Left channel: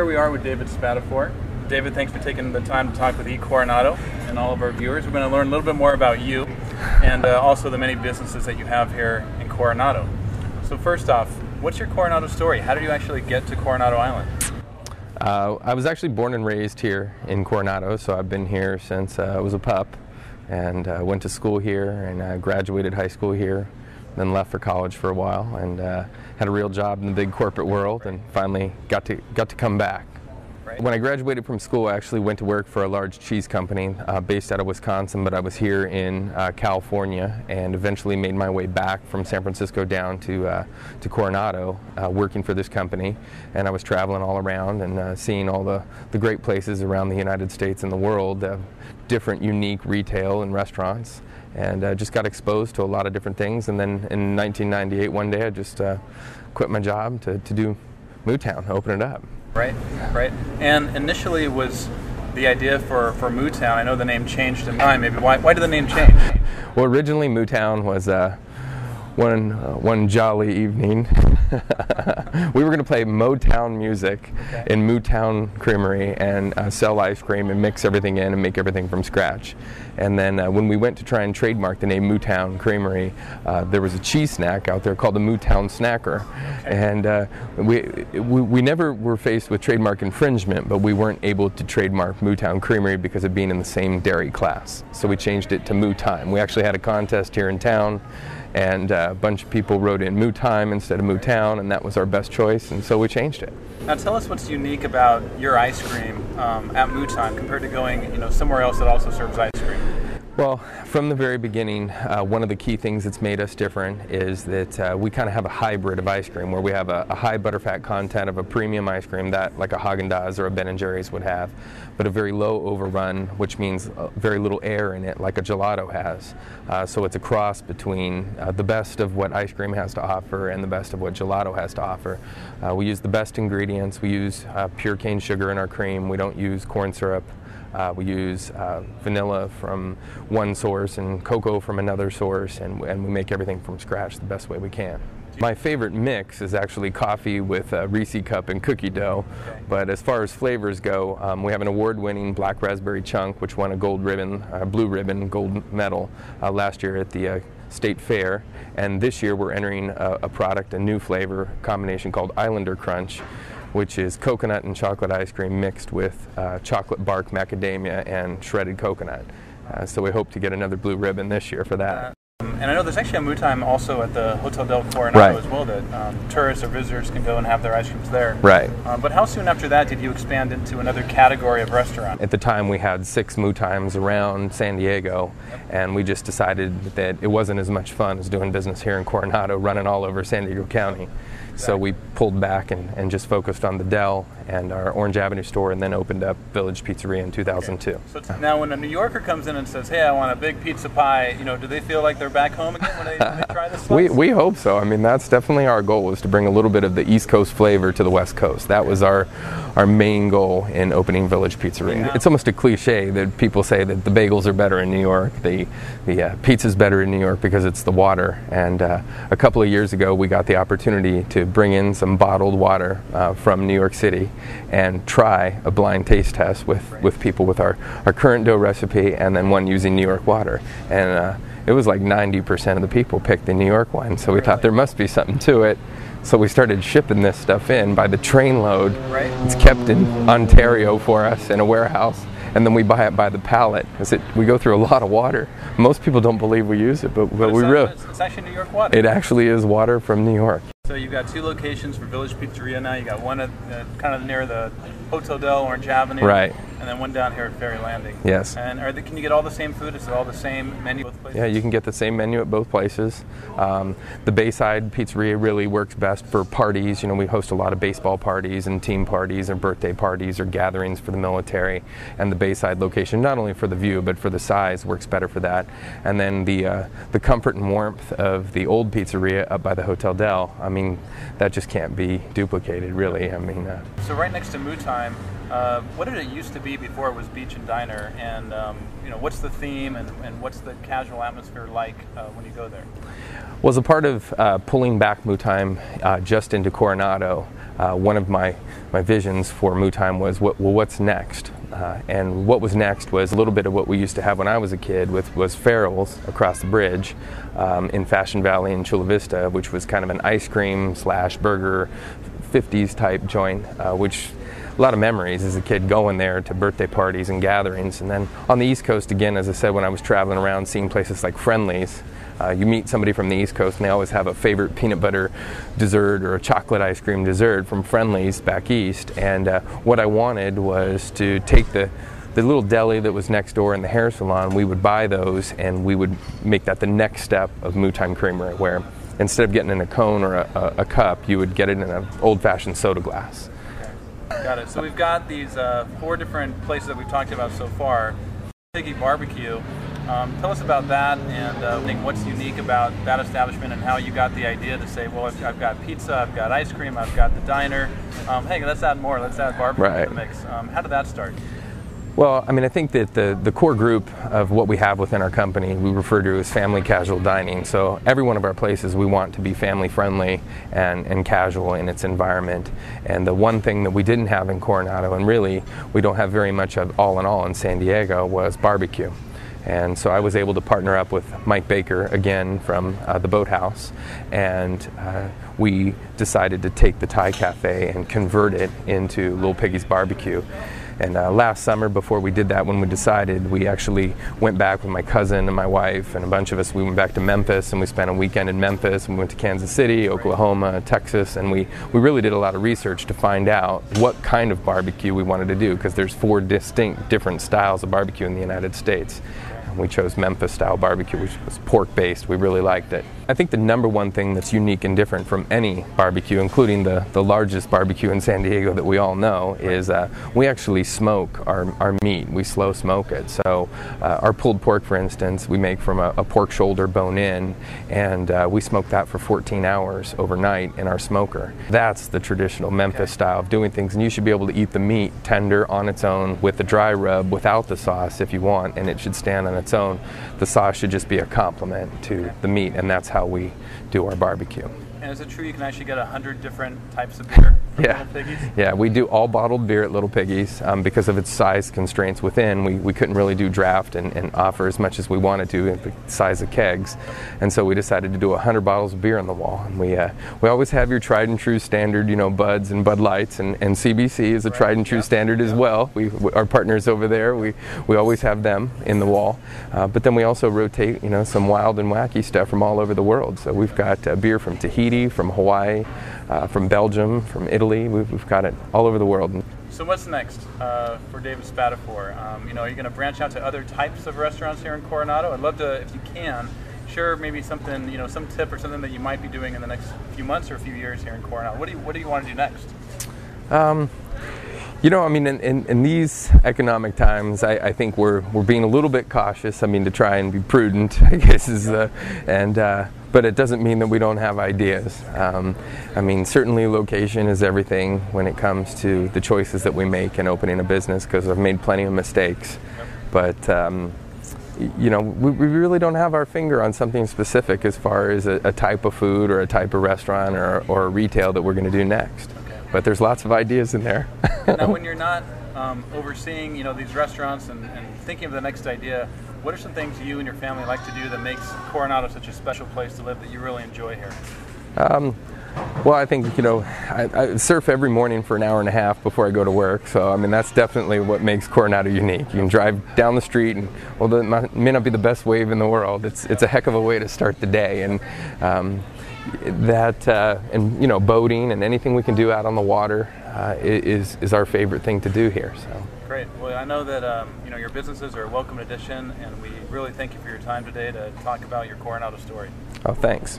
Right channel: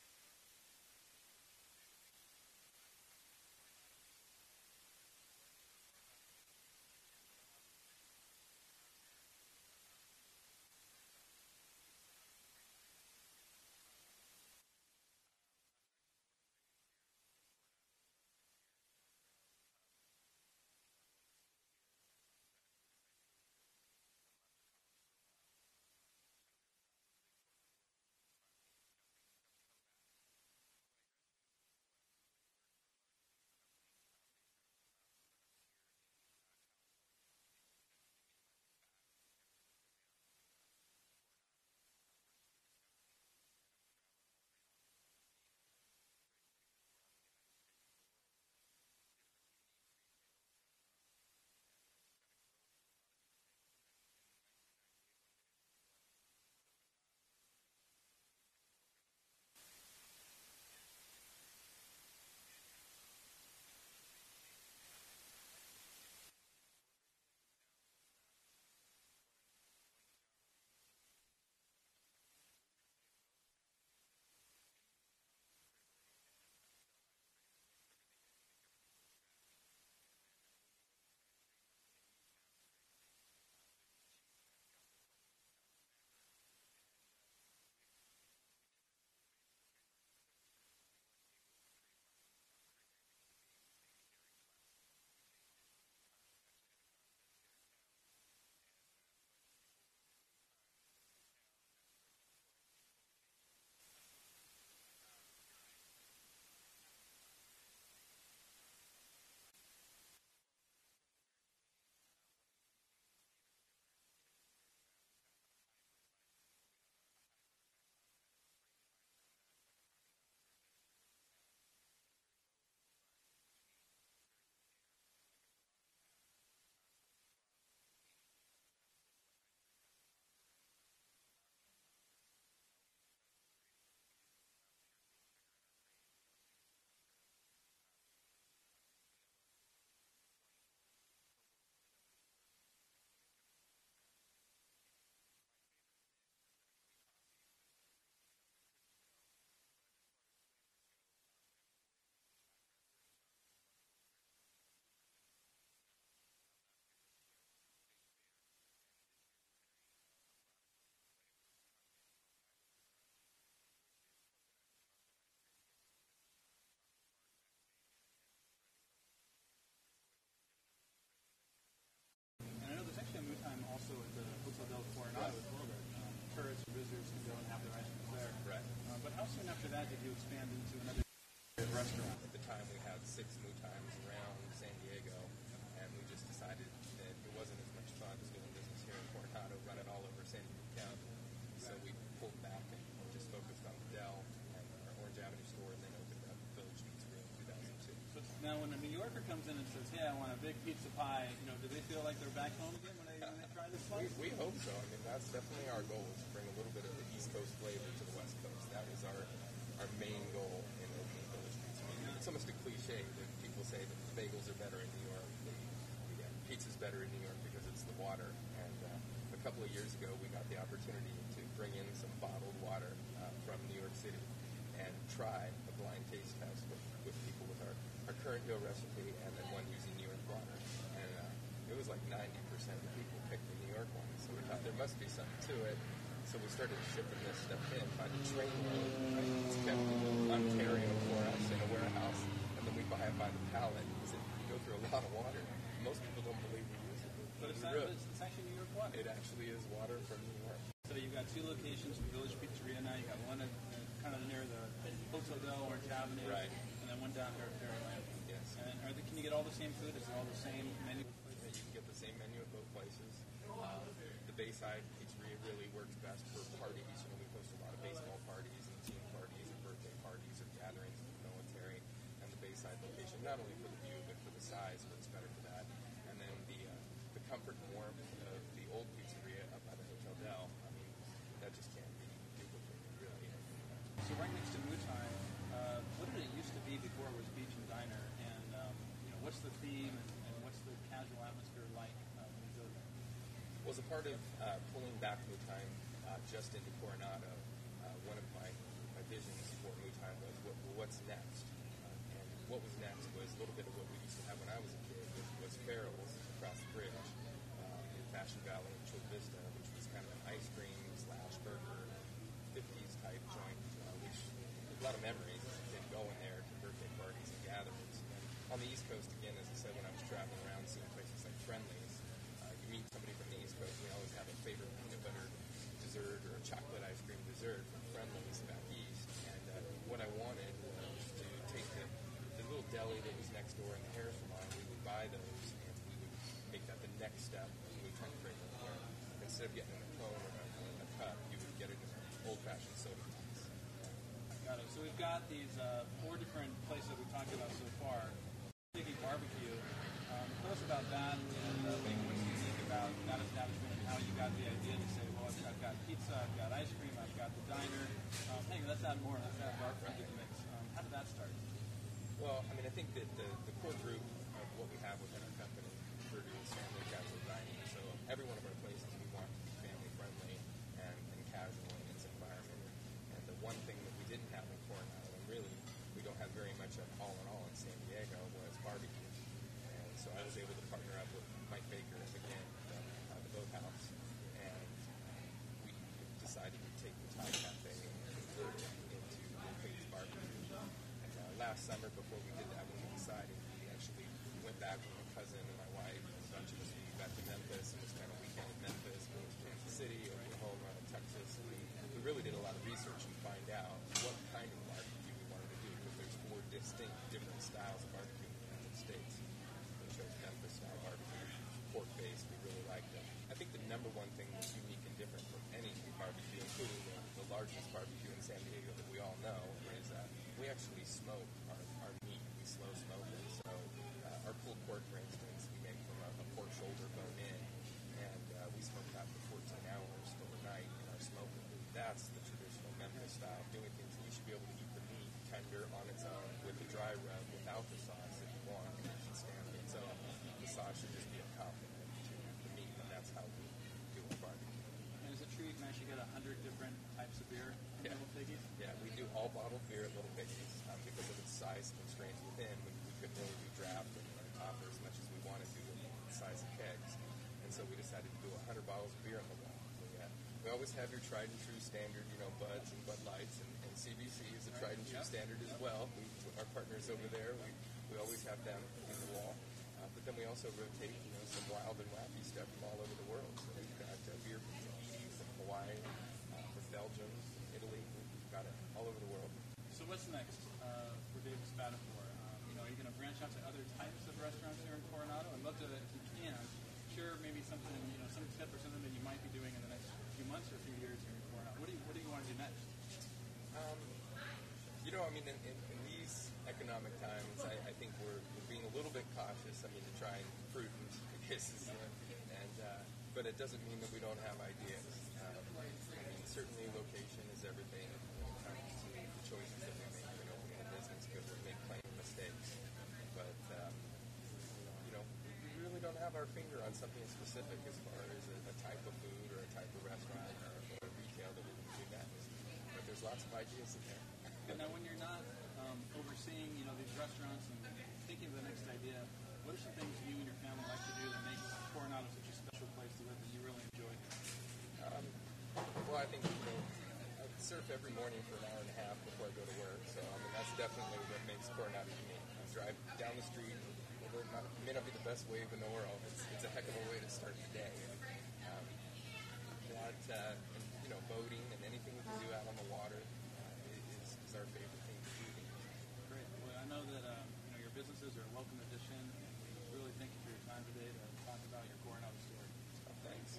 here we are with David Spatafore. David, thanks for taking the time to talk with Coronado and all of our viewers. We're going to learn a little bit more about you and also the many businesses that you have here in Coronado. So first off, what's your Coronado story? How did you actually get to Coronado Island? I was actually born and raised here in Coronado, so I've been here since I was a pup, and went to school here and graduated high school here, then left for college for a while and had a real job in the big corporate world, and finally got to come back. Right. When I graduated from school, I actually went to work for a large cheese company based out of Wisconsin, but I was here in California, and eventually made my way back from San Francisco down to Coronado, working for this company. And I was traveling all around and seeing all the great places around the United States and the world, different unique retail and restaurants, and just got exposed to a lot of different things. And then in 1998, one day, I just quit my job to do Mootime, open it up. Right, right. And initially was the idea for Mootime. I know the name changed in time. Maybe why did the name change? Well, originally Mootime was one jolly evening. We were going to play Motown music in Mootime Creamery and sell ice cream and mix everything in and make everything from scratch. And then when we went to try and trademark the name Mootime Creamery, there was a cheese snack out there called the Mootime Snacker. And we never were faced with trademark infringement, but we weren't able to trademark Mootime Creamery because of being in the same dairy class. So we changed it to Mootime. We actually had a contest here in town, and a bunch of people wrote in Mootime instead of Mootown, and that was our best choice, and so we changed it. Now tell us what's unique about your ice cream at Mootime compared to going somewhere else that also serves ice cream. Well, from the very beginning, one of the key things that's made us different is that we kind of have a hybrid of ice cream, where we have a high butterfat content of a premium ice cream that like a Haagen-Dazs or a Ben & Jerry's would have, but a very low overrun, which means very little air in it, like a gelato has. So it's a cross between the best of what ice cream has to offer and the best of what gelato has to offer. We use the best ingredients. We use pure cane sugar in our cream. We don't use corn syrup. We use vanilla from one source and cocoa from another source, and we make everything from scratch the best way we can. My favorite mix is actually coffee with Reese cup and cookie dough, but as far as flavors go, we have an award-winning black raspberry chunk, which won a gold ribbon, blue ribbon, gold medal last year at the State Fair, and this year we're entering a new flavor combination called Islander Crunch, which is coconut and chocolate ice cream mixed with chocolate bark macadamia and shredded coconut. So we hope to get another blue ribbon this year for that. And I know there's actually a Mootime also at the Hotel del Coronado as well, that tourists or visitors can go and have their ice creams there. Right. But how soon after that did you expand into another category of restaurant? At the time we had 6 Mootimes around San Diego, and we just decided that it wasn't as much fun as doing business here in Coronado, running all over San Diego County. So we pulled back and just focused on the Del and our Orange Avenue store, and then opened up Village Pizzeria in 2002. So now when a New Yorker comes in and says, hey, I want a big pizza pie, do they feel like they're back home again when they try this stuff? We hope so. I mean, that's definitely our goal, was to bring a little bit of the East Coast flavor to the West Coast. That was our main goal in opening Village Pizzeria. Yeah. It's almost a cliche that people say that the bagels are better in New York, the pizza's better in New York because it's the water. And a couple of years ago, we got the opportunity to bring in some bottled water from New York City and try a blind taste test with people with our current dough recipe, and then one using New York water. And it was like 90% of the people picked the New York one, so we thought there must be something to it. So we started shipping this stuff in by the train load. It's kept in Ontario for us in a warehouse, and then we buy it by the pallet. We go through a lot of water. Most people don't believe we use it, but we really. It's actually New York water. It actually is water from New York. So you've got 2 locations for Village Pizzeria now. You got one kind of near the Hotel del Orange Avenue, right, and then one down here at Ferry Landing. Yes. And can you get all the same food? Is it all the same menu at both places? Yeah, you can get the same menu at both places. The Bayside Pizzeria really works best for parties. We host a lot of baseball parties and team parties and birthday parties or gatherings for the military. And the Bayside location, not only for the view but for the size, works better for that. And then the comfort and warmth of the old pizzeria up by the Hotel del, I mean, that just can't be duplicated, really. I mean, so right next to Mootime, What did it used to be before it was beach and diner, and what's the theme and what's the casual atmosphere like when you go there? Well, as a part of pulling back Mootime just into Coronado, one of my visions for Mootime was, what's next? And what was next was a little bit of what we used to have when I was a kid, was Farrell's across the bridge in Fashion Valley in Chula Vista, which was kind of an ice cream / burger 50s type joint, which a lot of memories as a kid going there to birthday parties and gatherings. And then on the East Coast, again, as I said, when I was traveling around seeing places like Friendly's, you meet somebody from the East Coast and they always have a favorite peanut butter dessert or a chocolate ice cream dessert from Friendly's back east. And what I wanted was to take the little deli that was next door in the hair salon. We would buy those and we would make that the next step of Mootime Creamery, where instead of getting in a cone or a cup, you would get it in an old-fashioned soda glass. Got it. So we've got these 4 different places that we've talked about so far. Piggy Barbecue. Tell us about that and what's unique about that establishment and how you got the idea to say, well, I've got pizza, I've got ice cream, I've got the diner. Hey, let's add more. Let's add barbecue to the mix. How did that start? Well, I mean, I think that the core group of what we have within our company, we refer to as family casual dining. So every one of our places, we want to be family friendly and casual in its environment. And the one thing that we didn't have in Coronado, and really we don't have very much of all in all in San Diego, was barbecue. And so I was able to partner up with Mike Baker, again from the Boathouse, and we decided to take the Thai Cafe and convert it into Little Piggy's Barbecue. And last summer, before we did that, when we decided, we actually went back with my cousin and my wife and a bunch of us. We went back to Memphis and we spent a weekend in Memphis. We went to Kansas City, Oklahoma, Texas, and we really did a lot of research to find out what kind of barbecue we wanted to do, because there's 4 distinct different styles of barbecue in the United States. We chose Memphis style barbecue, which was pork based. We really liked it. I think the number one thing that's unique and different from any barbecue, including the largest barbecue in San Diego that we all know, is we actually smoke our meat. We slow smoke it. So our pulled pork, for instance, we make from a pork shoulder bone in, and we smoke that for 14 hours overnight in our smoker. That's the traditional Memphis style of doing things, and you should be able to eat the meat tender on its own with the dry rub without the sauce if you want, and it should stand on its own. The sauce should just be a complement to the meat, and that's how we do our barbecue. And is it true you can actually get 100 different types of beer from Little Piggy's? Yeah, we do all bottled beer at Little Piggy's. Because of its size constraints within, we couldn't really do draft and offer as much as we wanted to in the size of kegs. And so we decided to do 100 bottles of beer on the wall. And we always have your tried and true standard, Buds and Bud Lights, and CBC is a tried and true standard as well. Our partners over there, we always have them in the wall. But then we also rotate, some wild and wacky stuff from all over the world. So we've got beer from Tahiti, from Hawaii, from Belgium, from Italy. We've got it all over the world. So what's next for David Spatafore? Are you going to branch out to other types of restaurants here in Coronado? I'd love to, if you can, share maybe something, some tip or something that you might be doing in the next few months or a few years here in Coronado. What do you want to do next? In these economic times, I think we're being a little bit cautious. To try and be prudent, I guess but it doesn't mean that we don't have ideas. Certainly location is everything when it comes to the choices that we make in opening a business, because I've made plenty of mistakes. But we really don't have our finger on something specific as far as a type of food or a type of restaurant or a retail that we're going to do next. But there's lots of ideas in there. Now, when you're not overseeing, these restaurants and thinking of the next idea, what are some things you and your family like to do that makes Coronado such a special place to live that you really enjoy here? Well, I think, I surf every morning for an hour and a half before I go to work. So, that's definitely what makes Coronado unique. You can drive down the street and, it may not be the best wave in the world. It's a heck of a way to start the day. And boating and anything we can do out on the water is our favorite thing to do here. So. Great. Well, I know that your businesses are a welcome addition, and we really thank you for your time today to talk about your Coronado story. Oh, thanks.